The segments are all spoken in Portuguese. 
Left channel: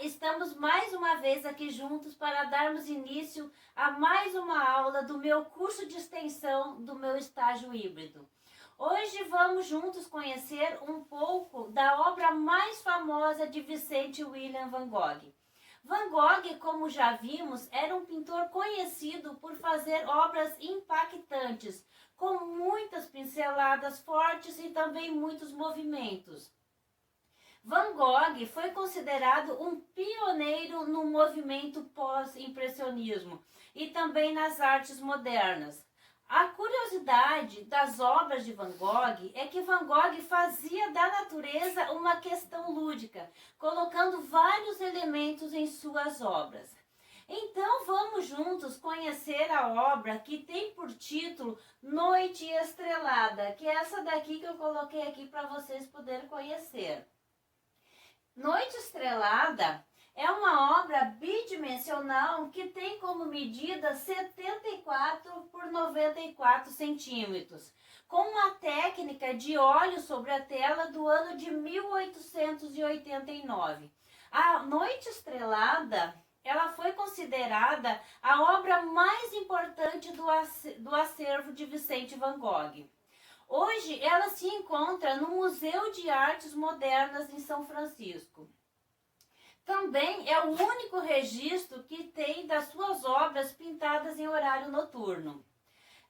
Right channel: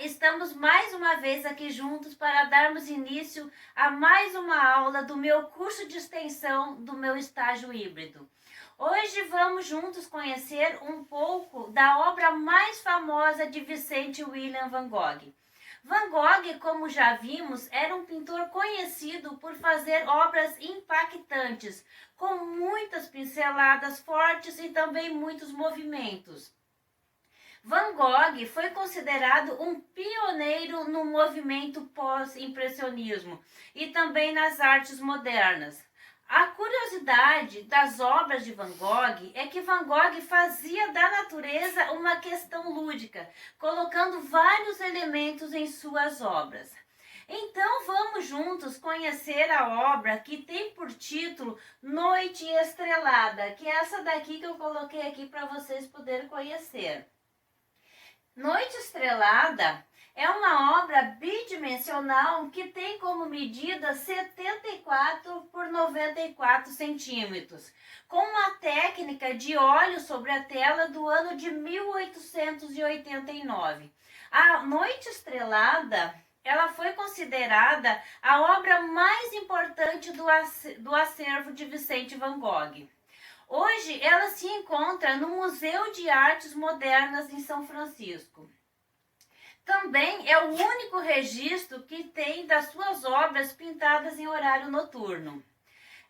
Estamos mais uma vez aqui juntos para darmos início a mais uma aula do meu curso de extensão do meu estágio híbrido. Hoje vamos juntos conhecer um pouco da obra mais famosa de Vicente William Van Gogh. Van Gogh, como já vimos, era um pintor conhecido por fazer obras impactantes, com muitas pinceladas fortes e também muitos movimentos. Van Gogh foi considerado um pioneiro no movimento pós-impressionismo e também nas artes modernas. A curiosidade das obras de Van Gogh é que Van Gogh fazia da natureza uma questão lúdica, colocando vários elementos em suas obras. Então vamos juntos conhecer a obra que tem por título Noite Estrelada, que é essa daqui que eu coloquei aqui para vocês poderem conhecer. Noite Estrelada é uma obra bidimensional que tem como medida 74 por 94 centímetros, com uma técnica de óleo sobre a tela do ano de 1889. A Noite Estrelada, ela foi considerada a obra mais importante do acervo de Vicente Van Gogh. Hoje ela se encontra no Museu de Artes Modernas em São Francisco. Também é o único registro que tem das suas obras pintadas em horário noturno.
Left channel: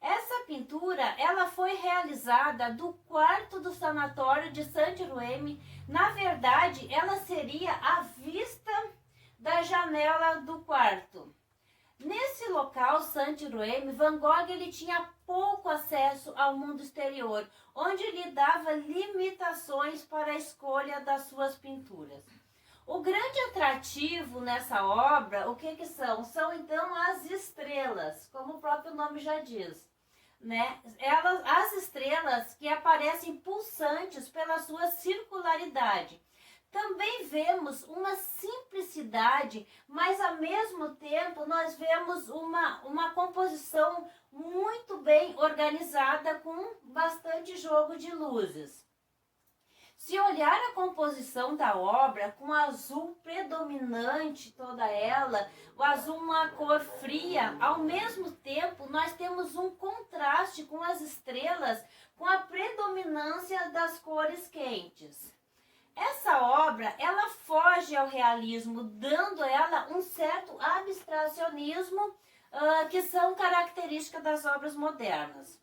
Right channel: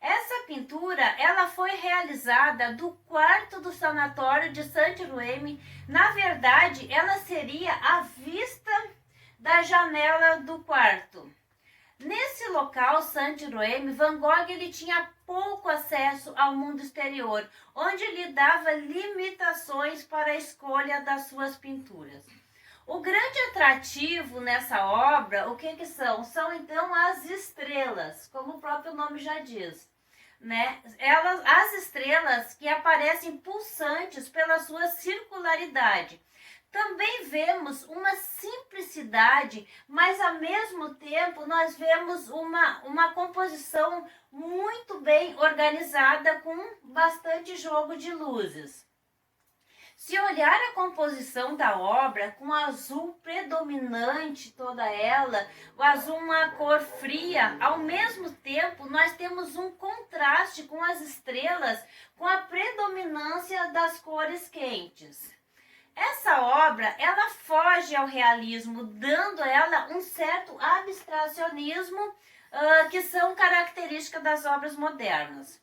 Essa pintura ela foi realizada do quarto do sanatório de Saint-Ouen. Na verdade, ela seria a vista da janela do quarto. Nesse local, Saint-Ouen, Van Gogh ele tinha pouco acesso ao mundo exterior, onde lhe dava limitações para a escolha das suas pinturas. O grande atrativo nessa obra, o que são? São então as estrelas, como o próprio nome já diz. As estrelas que aparecem pulsantes pela sua circularidade. Também vemos uma simplicidade, mas ao mesmo tempo nós vemos uma composição muito bem organizada com bastante jogo de luzes. Se olhar a composição da obra com azul predominante toda ela, o azul uma cor fria, ao mesmo tempo nós temos um contraste com as estrelas com a predominância das cores quentes. Essa obra, ela foge ao realismo, dando a ela um certo abstracionismo que são características das obras modernas.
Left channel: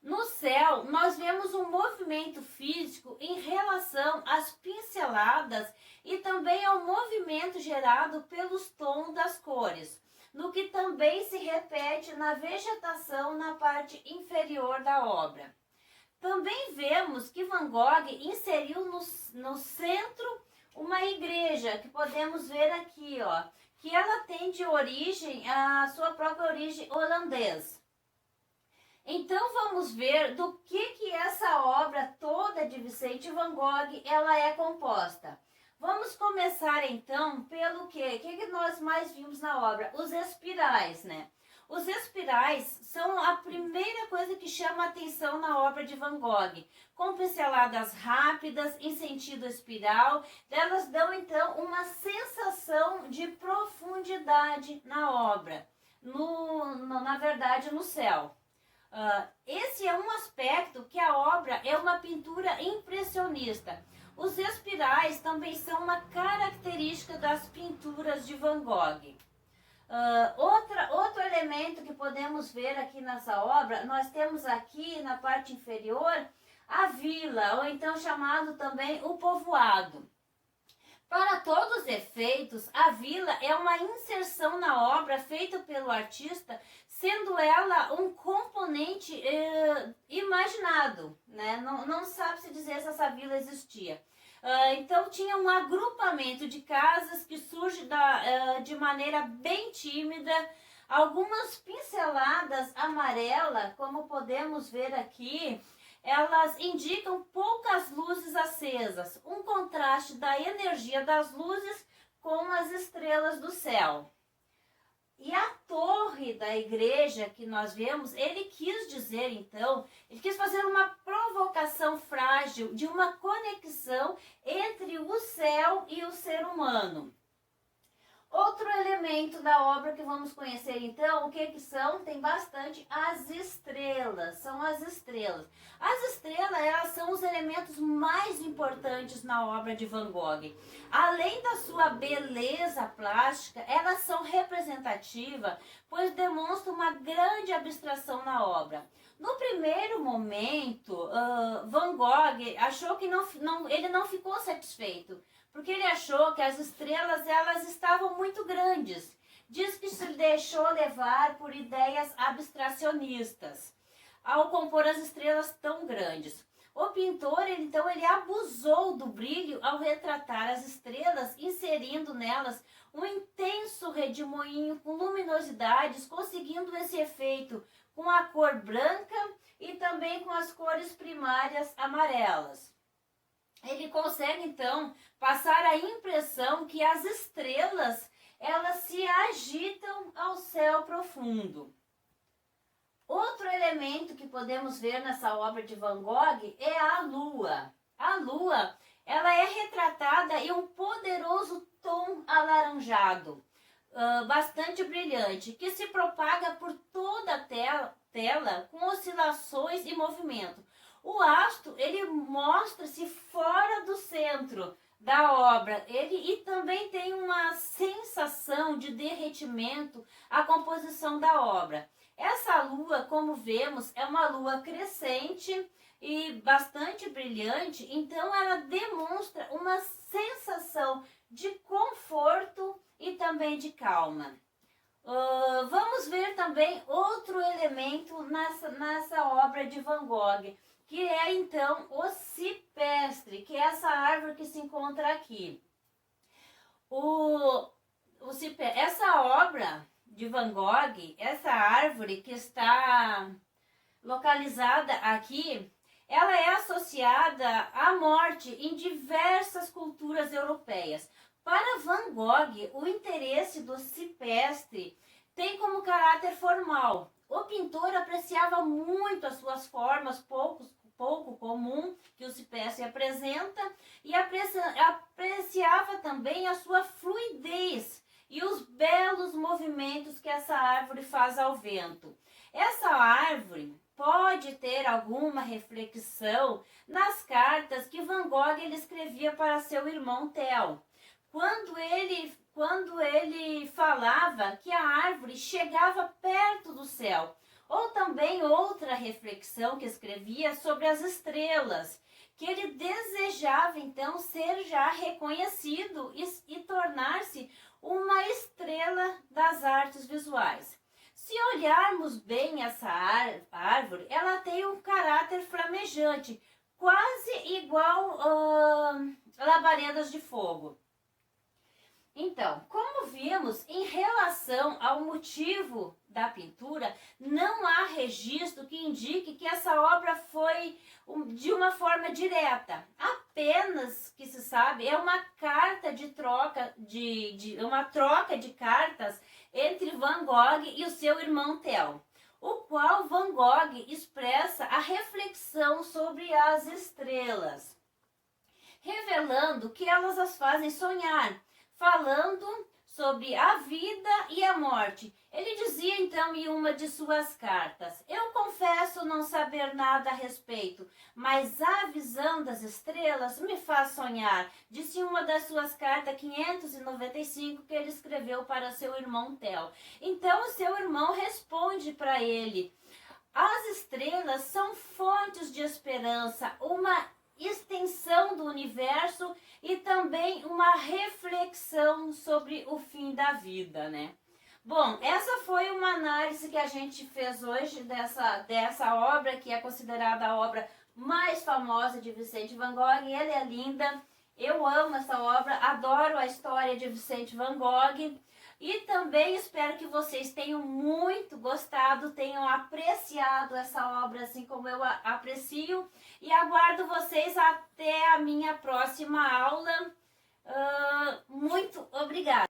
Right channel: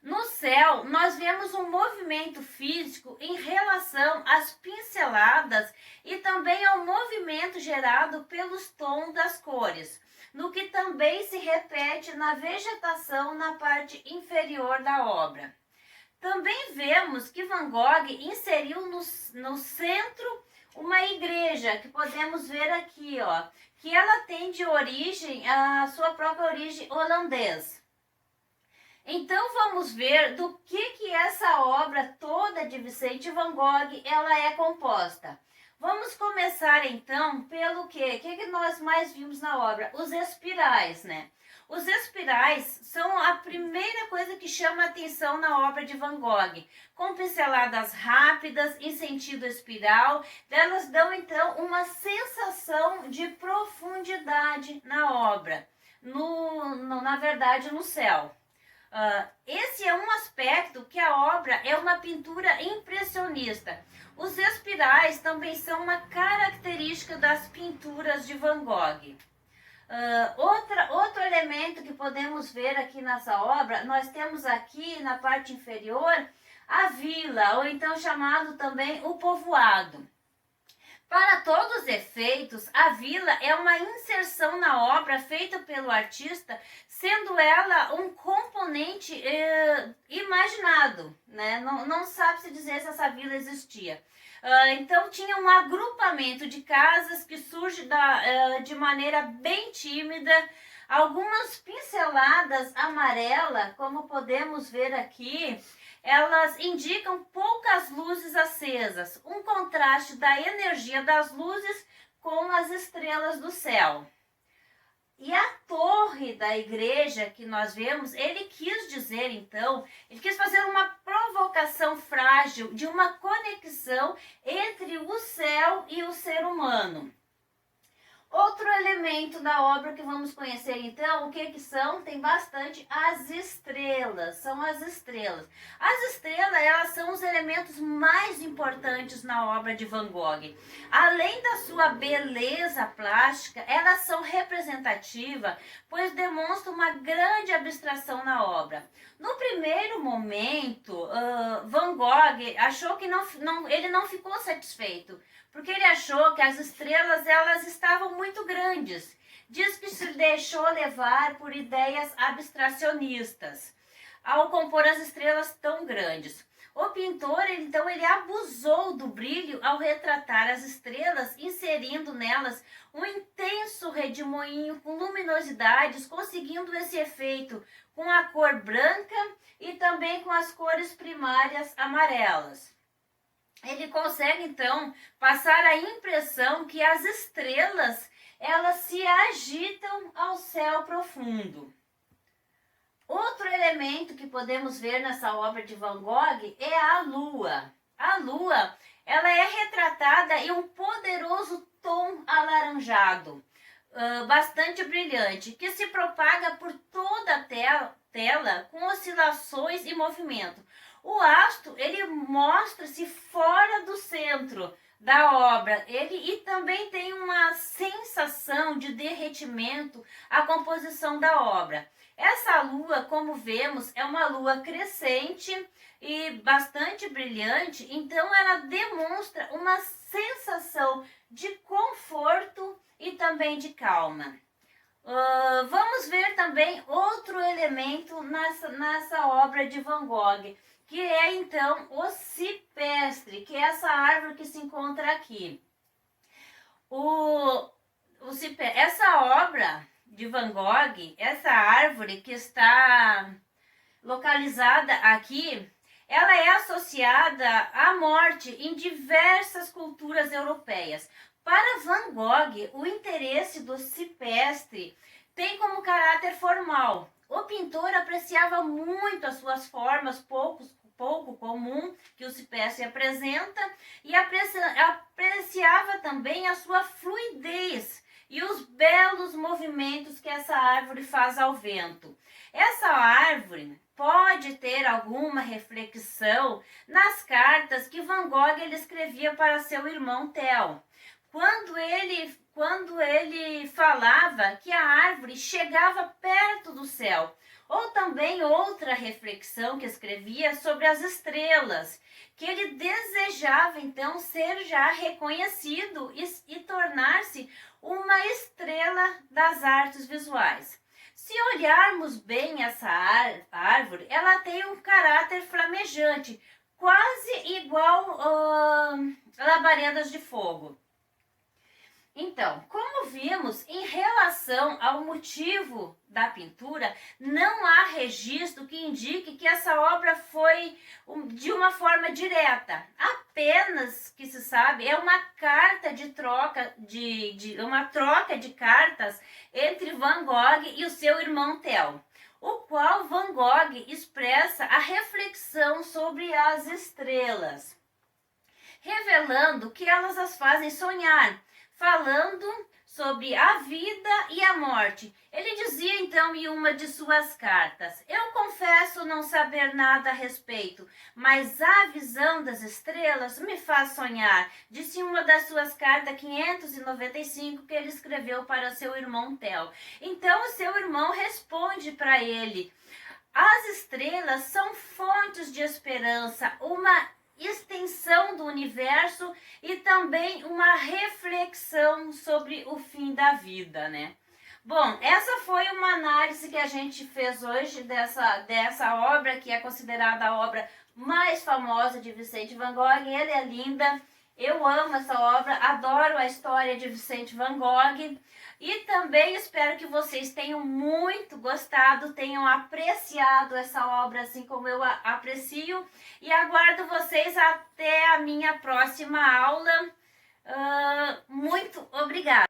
No céu, nós vemos um movimento físico em relação às pinceladas e também ao movimento gerado pelos tons das cores, no que também se repete na vegetação na parte inferior da obra. Também vemos que Van Gogh inseriu no centro uma igreja, que podemos ver aqui, que ela tem de origem, a sua própria origem holandesa. Então vamos ver do que essa obra toda de Vicente Van Gogh ela é composta. Vamos começar então pelo que nós mais vimos na obra? Os espirais, né? Os espirais são a primeira coisa que chama a atenção na obra de Van Gogh. Com pinceladas rápidas, em sentido espiral, elas dão então uma sensação de profundidade na obra, na verdade no céu. Esse é um aspecto que a obra é uma pintura impressionista. Os espirais também são uma característica das pinturas de Van Gogh. Outro elemento que podemos ver aqui nessa obra, nós temos aqui na parte inferior a vila, ou então chamado também o povoado. Para todos os efeitos, a vila é uma inserção na obra feita pelo artista, sendo ela um componente imaginado, né? Não sabe-se dizer se essa vila existia. Então tinha um agrupamento de casas que surge de maneira bem tímida, algumas pinceladas amarelas, como podemos ver aqui, elas indicam poucas luzes acesas, um contraste da energia das luzes com as estrelas do céu. E a torre da igreja que nós vemos, ele quis dizer então, ele quis fazer uma provocação frágil de uma conexão entre o céu e o ser humano. Outro elemento da obra que vamos conhecer então, o que são? Tem bastante as estrelas, são as estrelas. As estrelas, elas são os elementos mais importantes na obra de Van Gogh. Além da sua beleza plástica, elas são representativas, pois demonstram uma grande abstração na obra. No primeiro momento, Van Gogh achou que ele não ficou satisfeito, porque ele achou que as estrelas elas estavam muito grandes. Diz que se deixou levar por ideias abstracionistas ao compor as estrelas tão grandes. O pintor, então, ele abusou do brilho ao retratar as estrelas, inserindo nelas um intenso redemoinho com luminosidades, conseguindo esse efeito com a cor branca e também com as cores primárias amarelas. Ele consegue, então, passar a impressão que as estrelas, elas se agitam ao céu profundo. Outro elemento que podemos ver nessa obra de Van Gogh é a lua. A lua, ela é retratada em um poderoso tom alaranjado, bastante brilhante, que se propaga por toda a tela com oscilações e movimento. O astro, ele mostra-se fora do centro da obra, e também tem uma sensação de derretimento à composição da obra. Essa lua, como vemos, é uma lua crescente e bastante brilhante, então ela demonstra uma sensação de conforto e também de calma. Vamos ver também outro elemento nessa obra de Van Gogh, que é então o cipestre, que é essa árvore que se encontra aqui. Essa obra de Van Gogh, essa árvore que está localizada aqui, ela é associada à morte em diversas culturas europeias. Para Van Gogh, o interesse do cipestre tem como caráter formal. O pintor apreciava muito as suas formas pouco comum que o cipestre apresenta e apreciava também a sua fluidez e os belos movimentos que essa árvore faz ao vento. Essa árvore pode ter alguma reflexão nas cartas que Van Gogh ele escrevia para seu irmão Theo, quando ele falava que a árvore chegava perto do céu. Ou também outra reflexão que escrevia sobre as estrelas, que ele desejava então ser já reconhecido e tornar-se uma estrela das artes visuais. Se olharmos bem essa árvore, ela tem um caráter flamejante, quase igual a labaredas de fogo. Então, como vimos, em relação ao motivo da pintura, não há registro que indique que essa obra foi de uma forma direta. Apenas que se sabe é uma carta de troca, uma troca de cartas entre Van Gogh e o seu irmão Theo, o qual Van Gogh expressa a reflexão sobre as estrelas, revelando que elas as fazem sonhar, falando sobre a vida e a morte. Ele dizia então em uma de suas cartas: eu confesso não saber nada a respeito, mas a visão das estrelas me faz sonhar, disse em uma das suas cartas 595 que ele escreveu para seu irmão Theo. Então o seu irmão responde para ele: as estrelas são fontes de esperança, uma extensão do universo e também uma reflexão sobre o fim da vida, né? Bom, essa foi uma análise que a gente fez hoje dessa obra, que é considerada a obra mais famosa de Vicente Van Gogh. Ela é linda, eu amo essa obra, adoro a história de Vicente Van Gogh. E também espero que vocês tenham muito gostado, tenham apreciado essa obra assim como eu aprecio. E aguardo vocês até a minha próxima aula. Muito obrigada!